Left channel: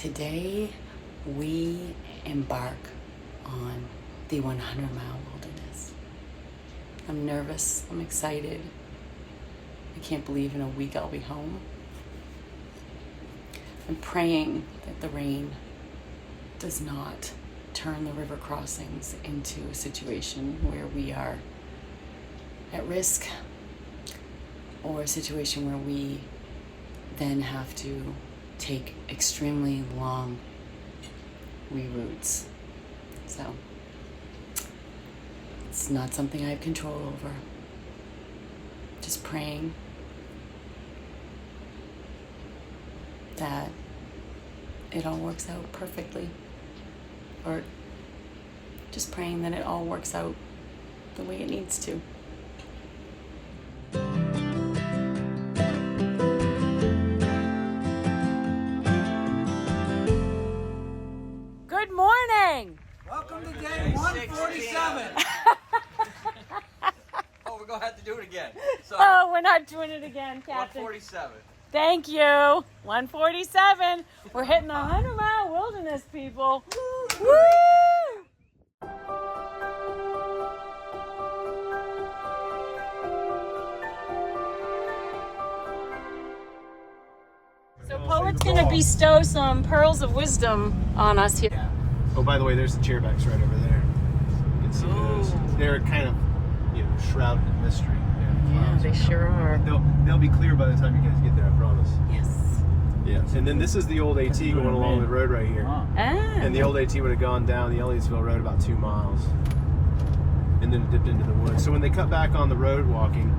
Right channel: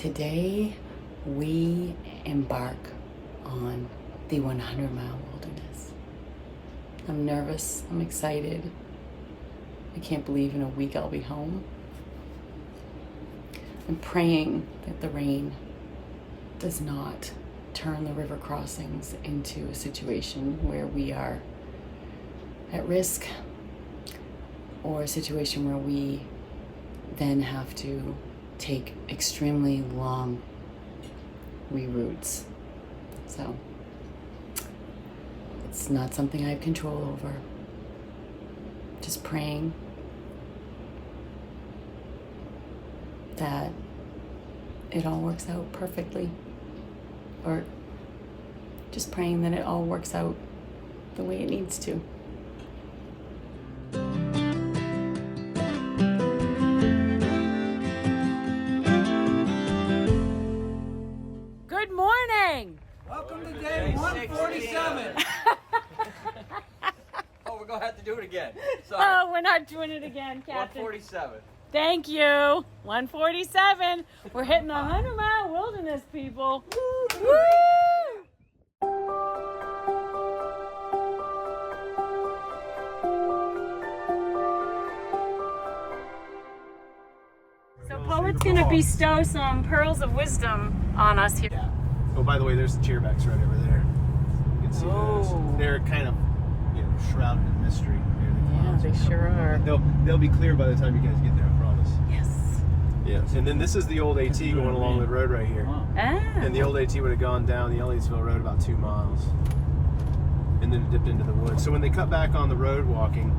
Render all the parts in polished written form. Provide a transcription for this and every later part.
Today, we embark on the 100-mile wilderness. I'm nervous, I'm excited. I can't believe in a week I'll be home. I'm praying that the rain does not turn the river crossings into a situation where we are at risk, or a situation where we then have to take extremely long reroutes. So it's not something I have control over. Just praying that it all works out perfectly, or just praying that it all works out the way it needs to. Good morning! Welcome to day 147. Oh, we're gonna have to do it again. Sorry. Oh, we're not doing it again, Captain. 147. Thank you. 147. We're hitting the 100-mile wilderness, people. Woo! So Poet's gonna bestow some pearls of wisdom on us here. Yeah. Oh, by the way, there's the chairbacks right over there. You can see those. They're kind of, shrouded in mystery. Yeah, they sure are. They'll be clear by the time you guys get there, I promise. Yes. Yes. And then this is the old AT going along the road right here. Ah. And the old AT would have gone down the Elliottsville Road about 2 miles, and then dipped into the woods. So when they cut back on the road walking,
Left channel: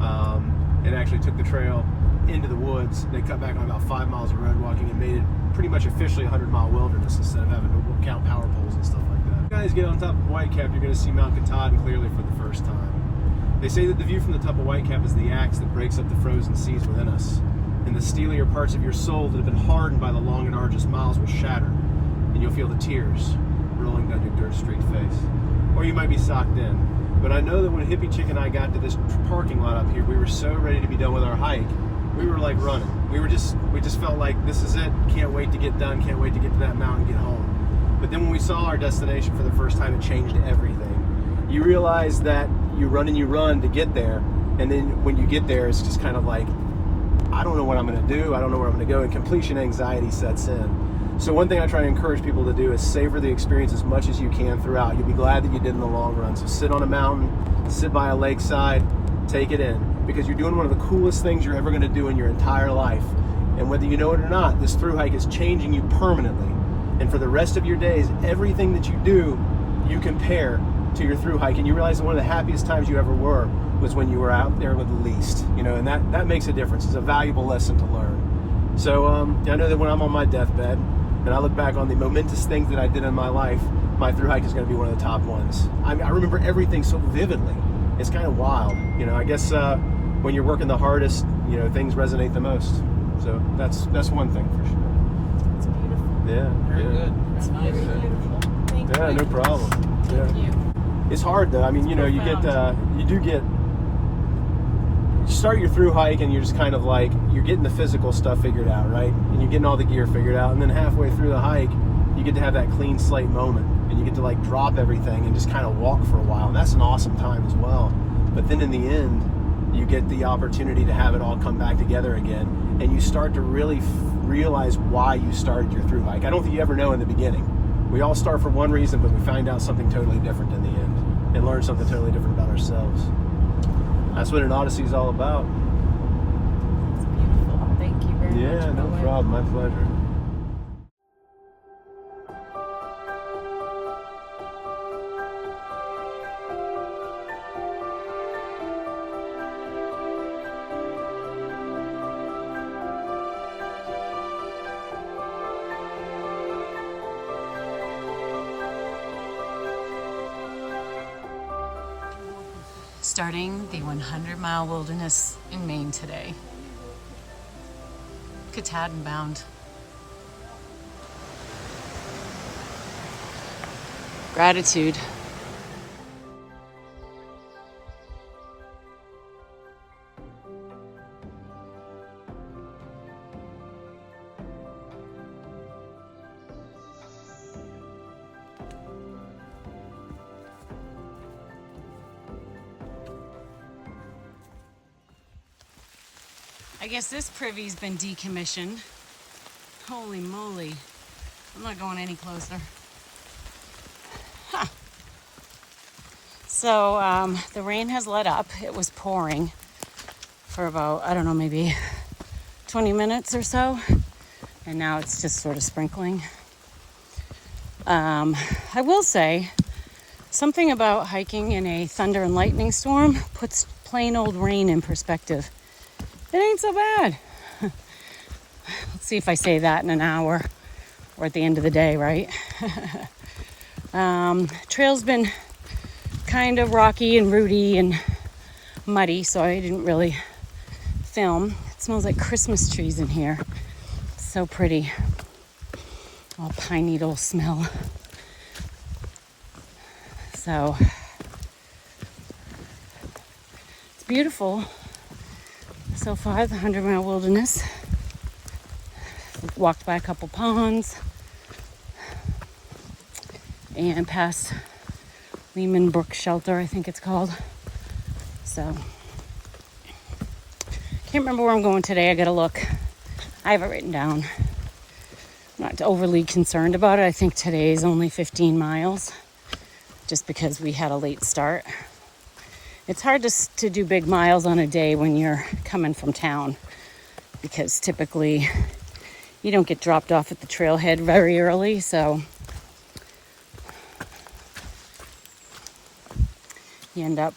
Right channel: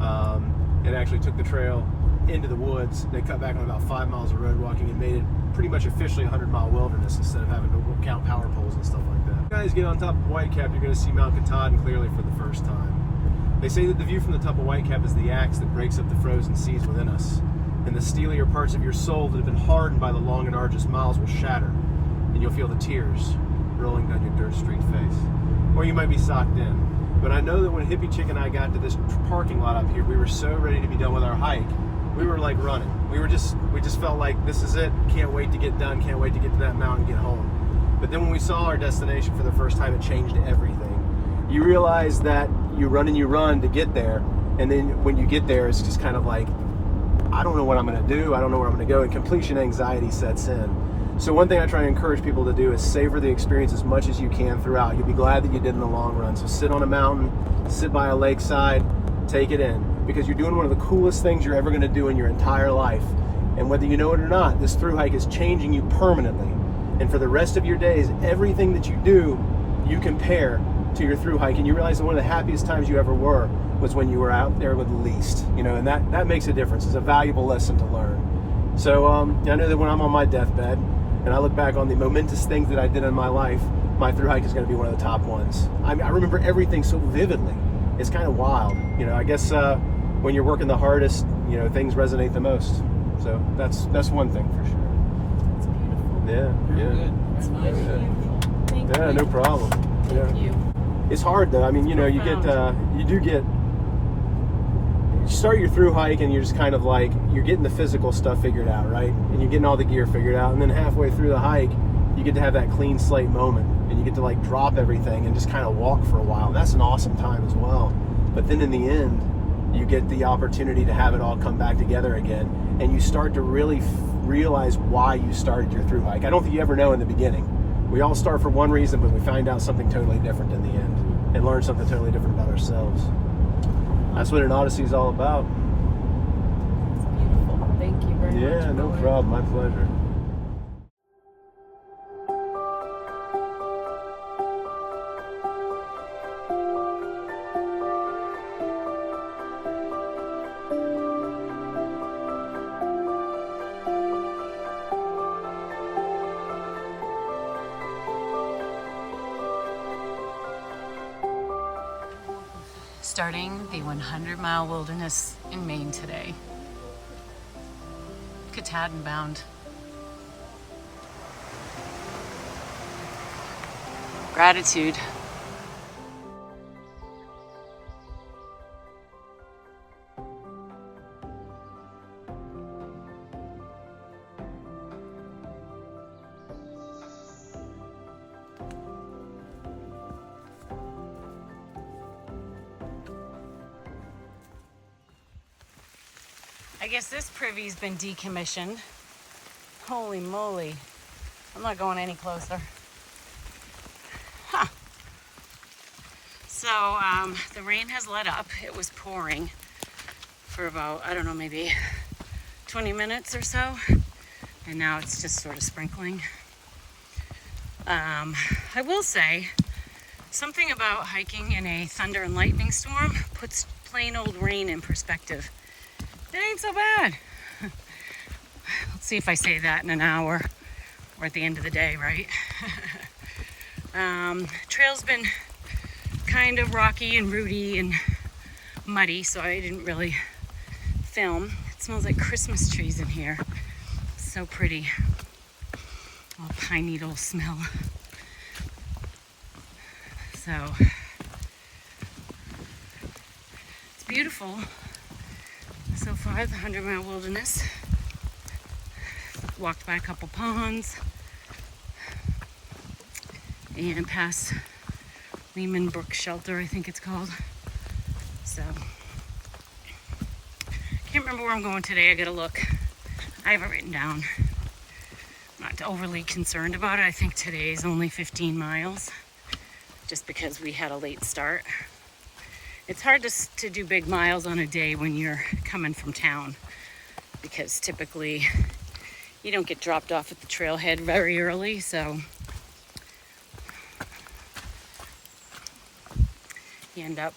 and actually took the trail into the woods, they cut back on about 5 miles of road walking and made it pretty much officially a 100-mile wilderness instead of having to count power poles and stuff like that. If you guys get on top of Whitecap, you're going to see Mount Katahdin clearly for the first time. They say that the view from the top of Whitecap is the axe that breaks up the frozen seas within us, and the steelier parts of your soul that have been hardened by the long and arduous miles will shatter, and you'll feel the tears rolling down your dirt-streaked face. Or you might be socked in. But I know that when Hippie Chick and I got to this parking lot up here, we were so ready to be done with our hike. We were like running. We just felt like this is it. Can't wait to get done. Can't wait to get to that mountain and get home. But then when we saw our destination for the first time, it changed everything. You realize that you run to get there, and then when you get there, it's just kind of like, I don't know what I'm going to do. I don't know where I'm going to go, and completion anxiety sets in. So one thing I try to encourage people to do is savor the experience as much as you can throughout. You'll be glad that you did in the long run. So sit on a mountain, sit by a lakeside, take it in, because you're doing one of the coolest things you're ever going to do in your entire life. And whether you know it or not, this thru hike is changing you permanently. And for the rest of your days, everything that you do, you compare to your thru hike, and you realize that one of the happiest times you ever were was when you were out there with the least, and that makes a difference. It's a valuable lesson to learn. So I know that when I'm on my deathbed and I look back on the momentous things that I did in my life, my thru hike is going to be one of the top ones. I remember everything so vividly. It's kind of wild. I guess when you're working the hardest, things resonate the most. So that's one thing for sure. It's beautiful. Yeah. Very good. It's nice. Thank Yeah, you. no problem. Thank you. It's hard though. I mean, you start your thru hike and you're just kind of like, you're getting the physical stuff figured out, right? And you're getting all the gear figured out. And then halfway through the hike, you get to have that clean slate moment, and you get to like drop everything and just kind of walk for a while. And that's an awesome time as well. But then in the end, you get the opportunity to have it all come back together again. And you start to really realize why you started your thru hike. I don't think you ever know in the beginning. We all start for one reason, but we find out something totally different in the end, and learn something totally different about ourselves. That's what an Odyssey is all about. It's beautiful. Thank you very much. Yeah, no problem. My pleasure. Starting the 100-mile wilderness in Maine today. Katahdin bound. Gratitude. I guess this privy's been decommissioned. Holy moly. I'm not going any closer. Huh. So the rain has let up. It was pouring for about, I don't know, maybe 20 minutes or so. And now it's just sort of sprinkling. I will say something about hiking in a thunder and lightning storm puts plain old rain in perspective. It ain't so bad. Let's see if I say that in an hour or at the end of the day, right? Trail's been kind of rocky and rooty and muddy, so I didn't really film. It smells like Christmas trees in here. So pretty. All pine needle smell. So it's beautiful so far, the 100-mile wilderness. Walked by a couple ponds and past Lehman Brook Shelter, I think it's called. So can't remember where I'm going today. I gotta look. I have it written down. I'm not overly concerned about it. I think today is only 15 miles just because we had a late start. It's hard to do big miles on a day when you're coming from town because typically you don't get dropped off at the trailhead very early, so you end up,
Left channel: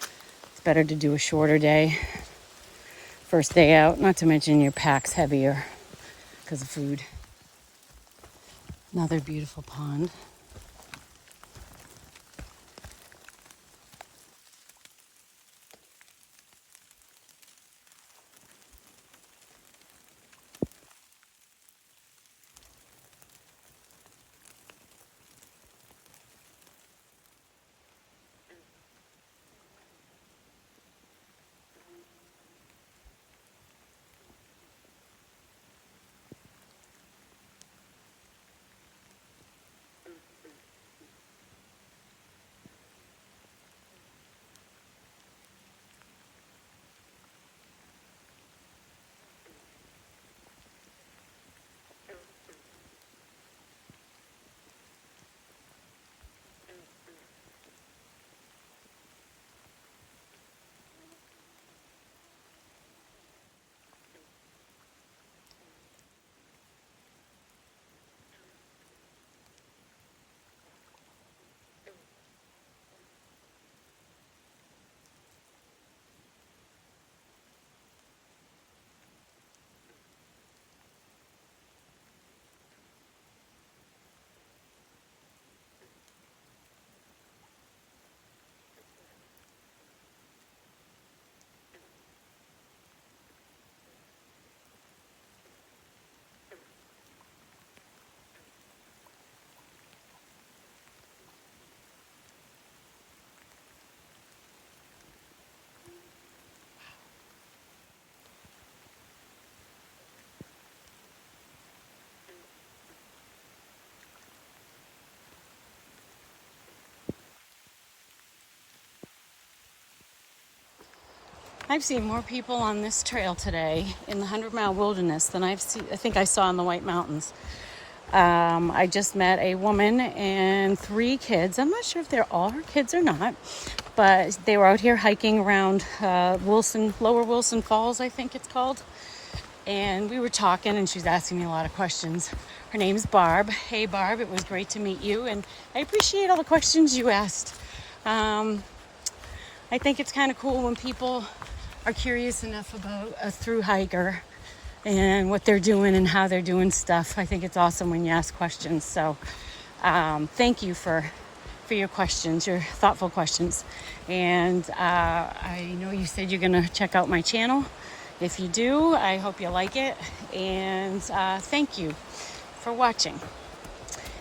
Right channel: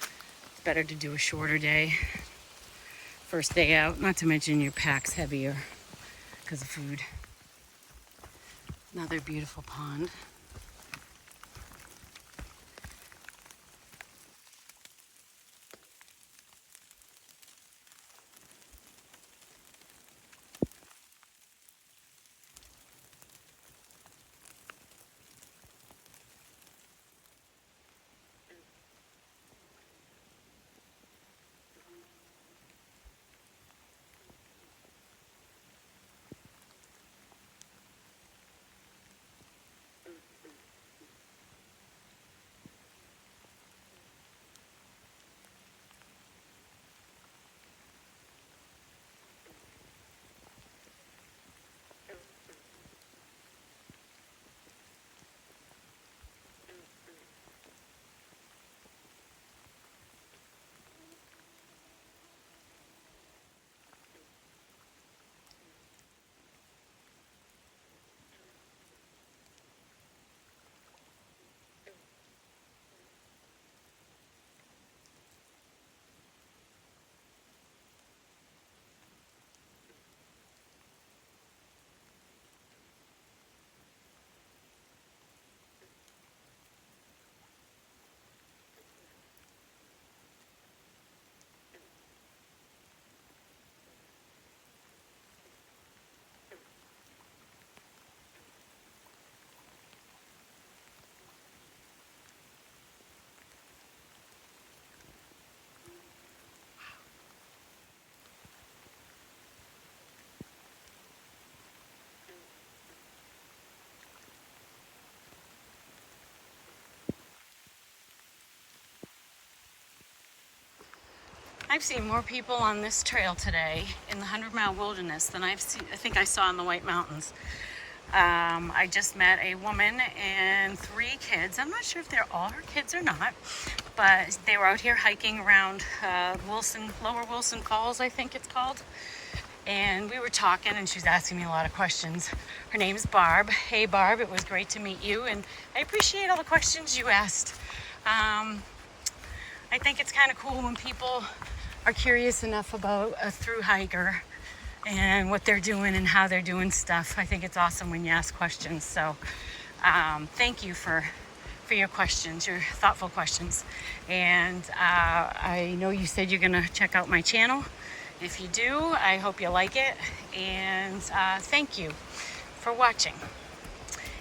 it's better to do a shorter day. First day out, not to mention your pack's heavier because of food. Another beautiful pond. I've seen more people on this trail today in the 100-mile wilderness than I think I saw in the White Mountains. I just met a woman and 3 kids. I'm not sure if they're all her kids or not, but they were out here hiking around Lower Wilson Falls, I think it's called. And we were talking and she was asking me a lot of questions. Her name's Barb. Hey Barb, it was great to meet you and I appreciate all the questions you asked. I think it's kind of cool when people are curious enough about a thru hiker and what they're doing and how they're doing stuff. I think it's awesome when you ask questions. So thank you for your questions, your thoughtful questions. And I know you said you're gonna check out my channel. If you do, I hope you like it. And thank you for watching.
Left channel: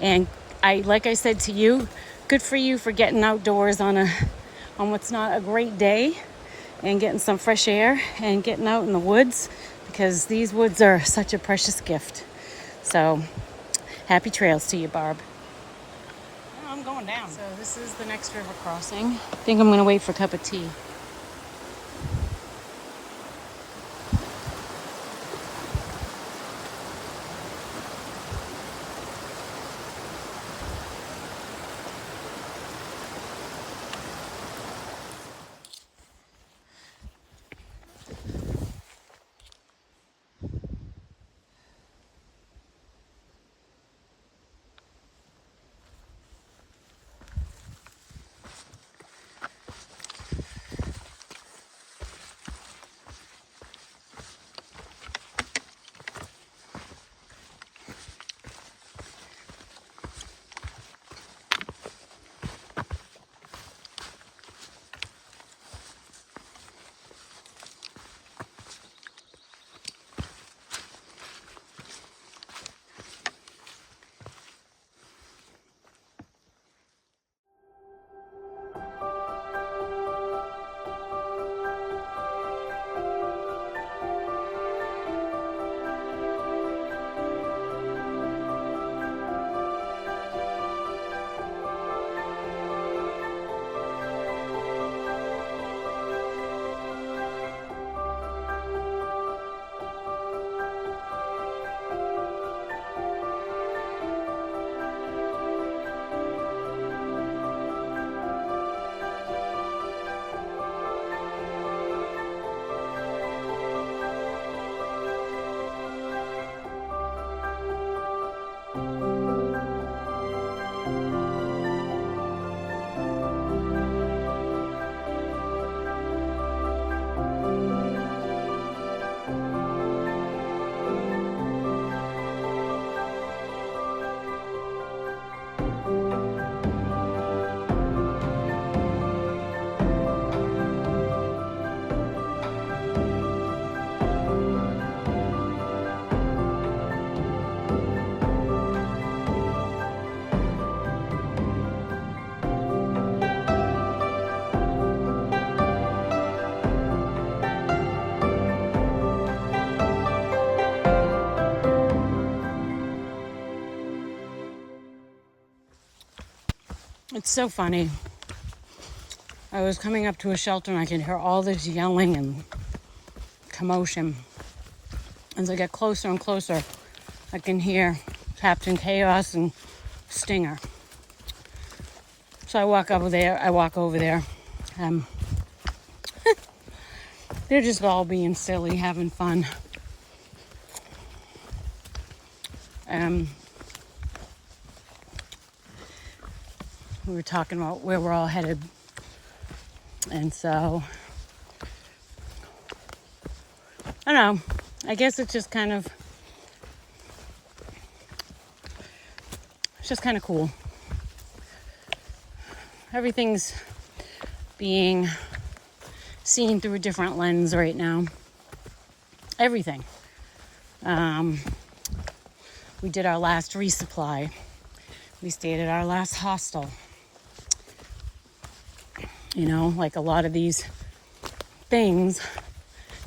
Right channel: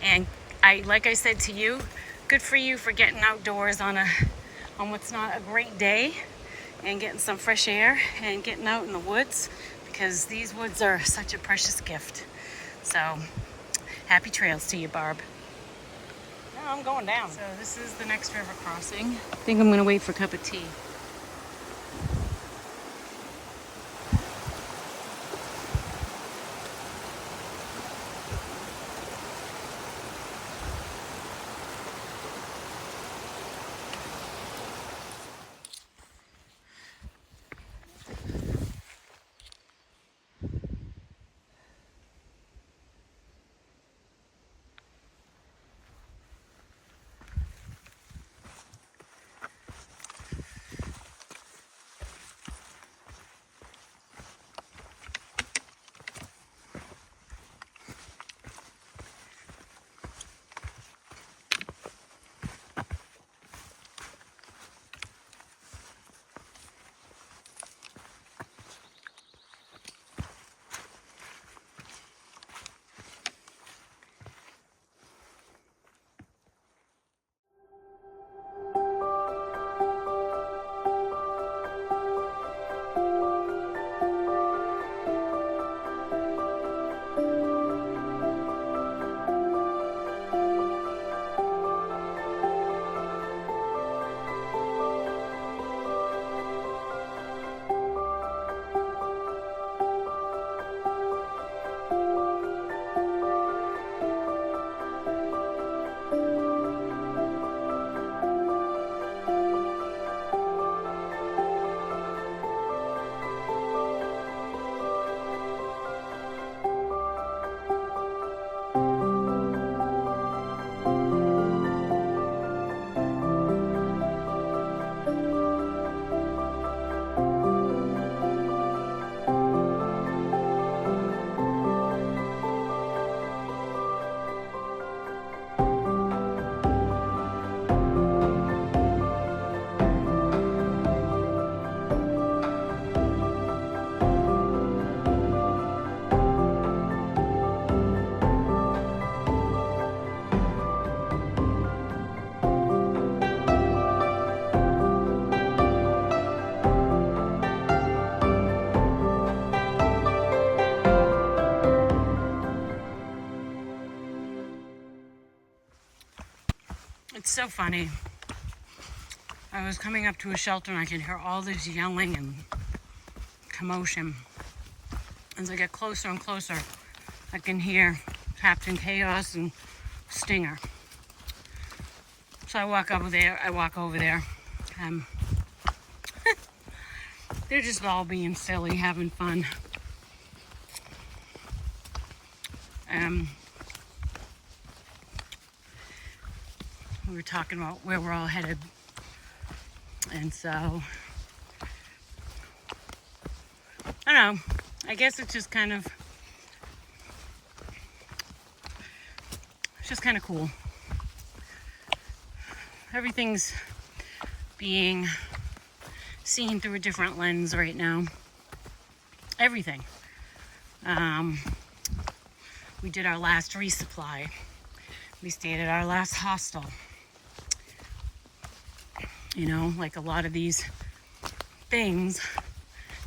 And like I said to you, good for you for getting outdoors on what's not a great day and getting some fresh air and getting out in the woods, because these woods are such a precious gift. So happy trails to you, Barb. Now I'm going down. So this is the next river crossing. I think I'm gonna wait for a cup of tea. It's so funny. I was coming up to a shelter and I could hear all this yelling and commotion. As I get closer and closer, I can hear Captain Chaos and Stinger. So I walk over there. They're just all being silly, having fun. We were talking about where we're all headed. And so, I don't know. I guess it's just kind of cool. Everything's being seen through a different lens right now. Everything. We did our last resupply. We stayed at our last hostel. You know, like a lot of these things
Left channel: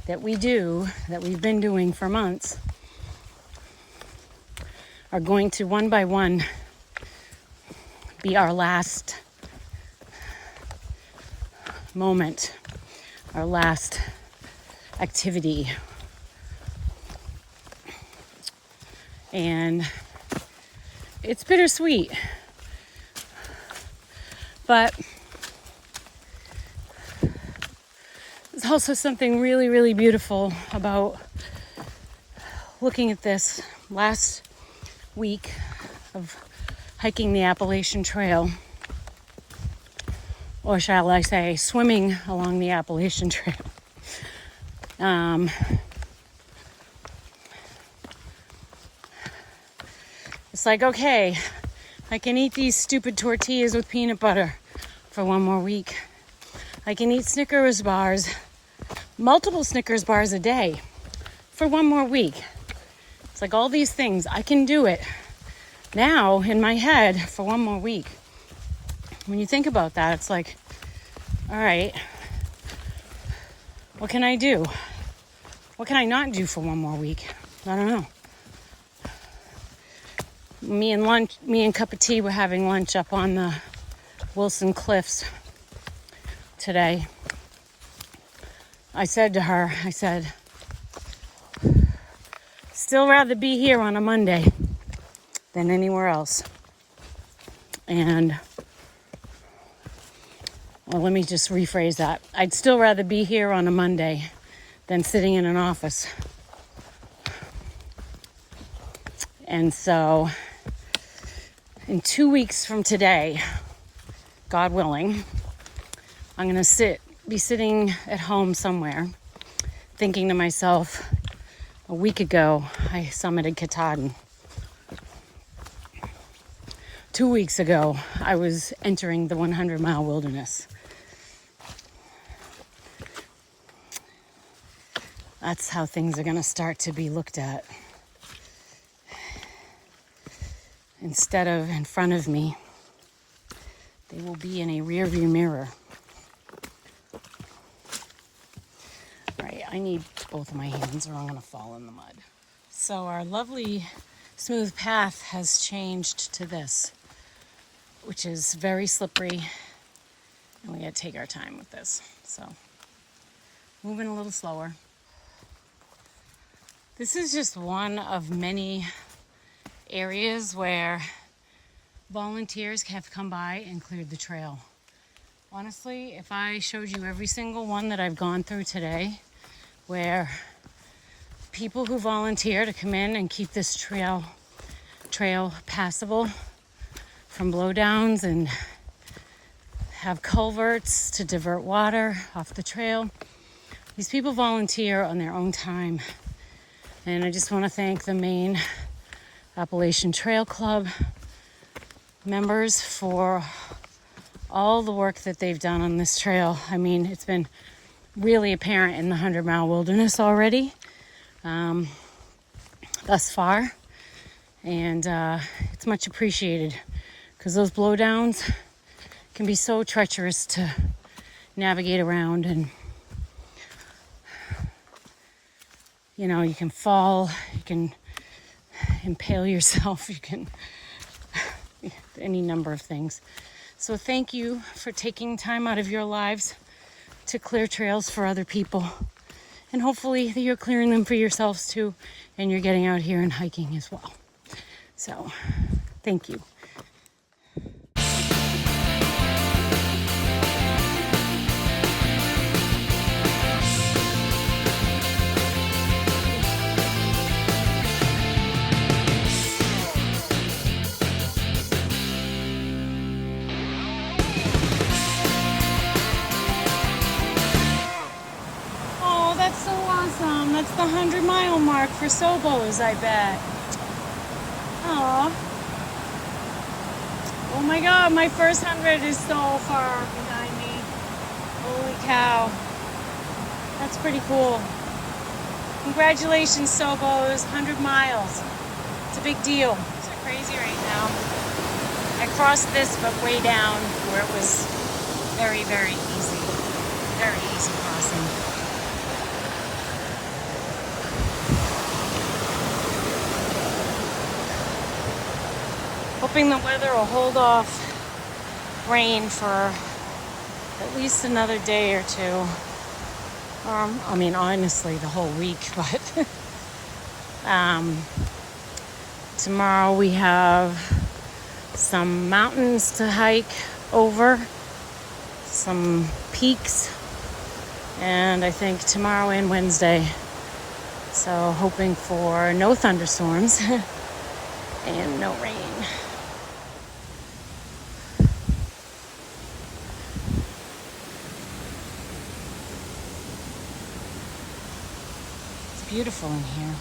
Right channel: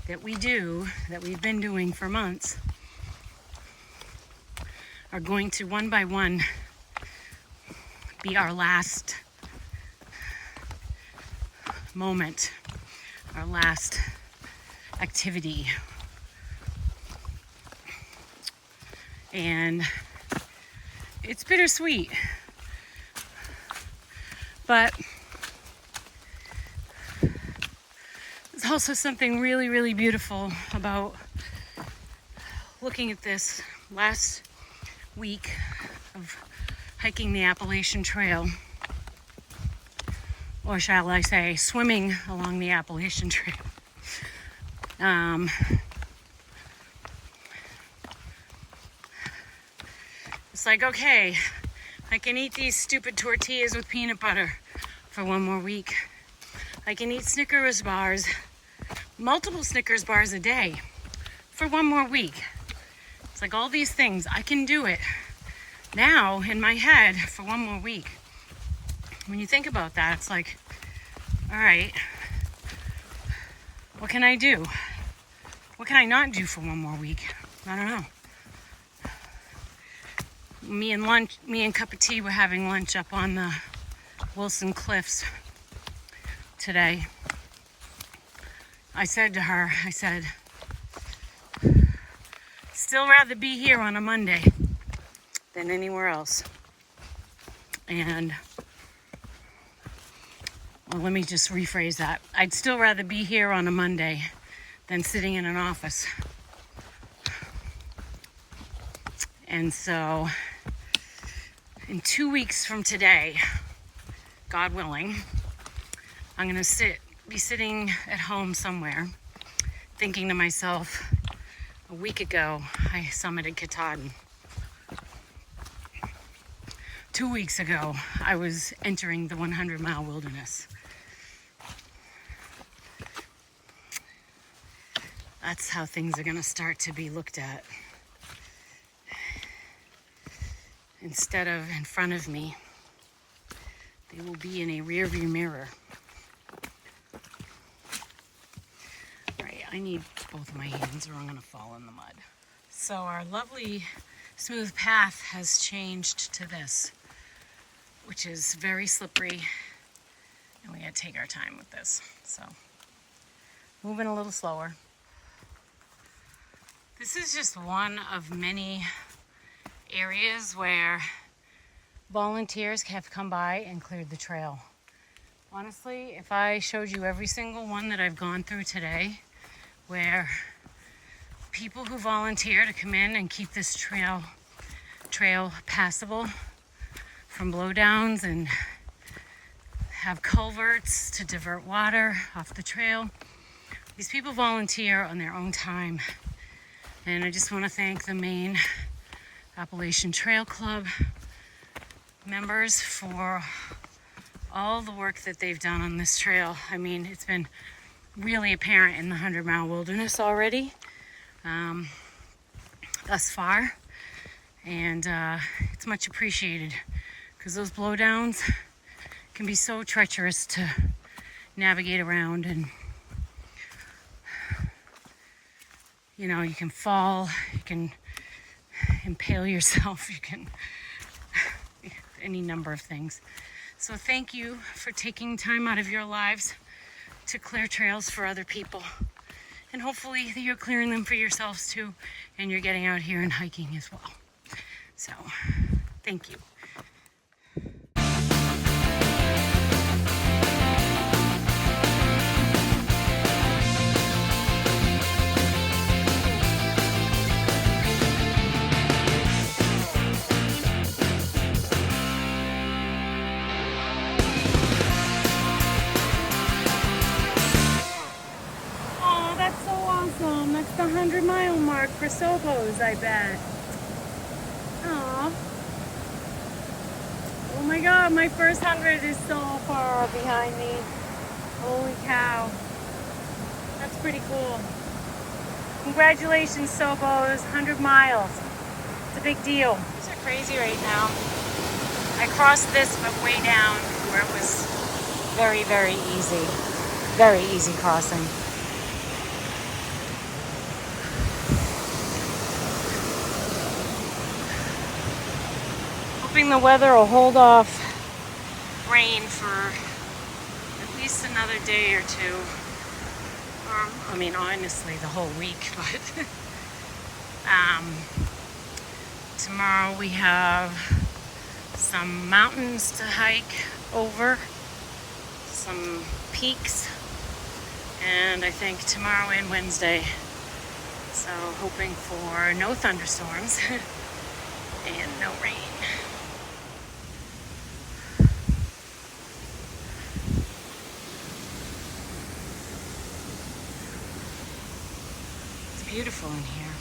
that we do, that we've been doing for months, are going to one by one be our last moment, our last activity. And it's bittersweet, but there's also something really, really beautiful about looking at this last week of hiking the Appalachian Trail, or shall I say, swimming along the Appalachian Trail. It's like, okay, I can eat these stupid tortillas with peanut butter for one more week. I can eat Snickers bars, multiple Snickers bars a day for one more week. It's like all these things, I can do it now in my head for one more week. When you think about that, it's like, all right, what can I do? What can I not do for one more week? I don't know. Me and Cup of Tea were having lunch up on the Wilson Cliffs today. I said to her, still rather be here on a Monday than anywhere else. And, well, let me just rephrase that. I'd still rather be here on a Monday than sitting in an office. And so, in 2 weeks from today, God willing, I'm going to be sitting at home somewhere, thinking to myself, a week ago, I summited Katahdin. 2 weeks ago, I was entering the 100-mile wilderness. That's how things are going to start to be looked at. Instead of in front of me, they will be in a rearview mirror. Right, I need both of my hands or I'm going to fall in the mud. So our lovely smooth path has changed to this, which is very slippery, and we got to take our time with this. So, moving a little slower. This is just one of many areas where volunteers have come by and cleared the trail. Honestly, if I showed you every single one that I've gone through today, where people who volunteer to come in and keep this trail passable from blowdowns and have culverts to divert water off the trail, these people volunteer on their own time. And I just want to thank the Maine Appalachian Trail Club members for all the work that they've done on this trail. I mean, it's been really apparent in the 100-mile wilderness already, thus far, and it's much appreciated because those blowdowns can be so treacherous to navigate around, and you know, you can fall, you can impale yourself, you can any number of things. So thank you for taking time out of your lives to clear trails for other people. And hopefully you're clearing them for yourselves too, and you're getting out here and hiking as well. So, thank you. Oh, that's so awesome. That's the 100-mile mark for Sobos, I bet. Aw. Oh my God, my first 100 is so far behind me. Holy cow. That's pretty cool. Congratulations, Sobos, 100 miles. It's a big deal. It's so crazy right now. I crossed this, but way down where it was very, very easy. Very easy crossing. Hoping the weather will hold off rain for at least another day or two. I mean, honestly, the whole week, but tomorrow we have some mountains to hike over, some peaks, and I think tomorrow and Wednesday. So hoping for no thunderstorms and no rain. Beautiful in here.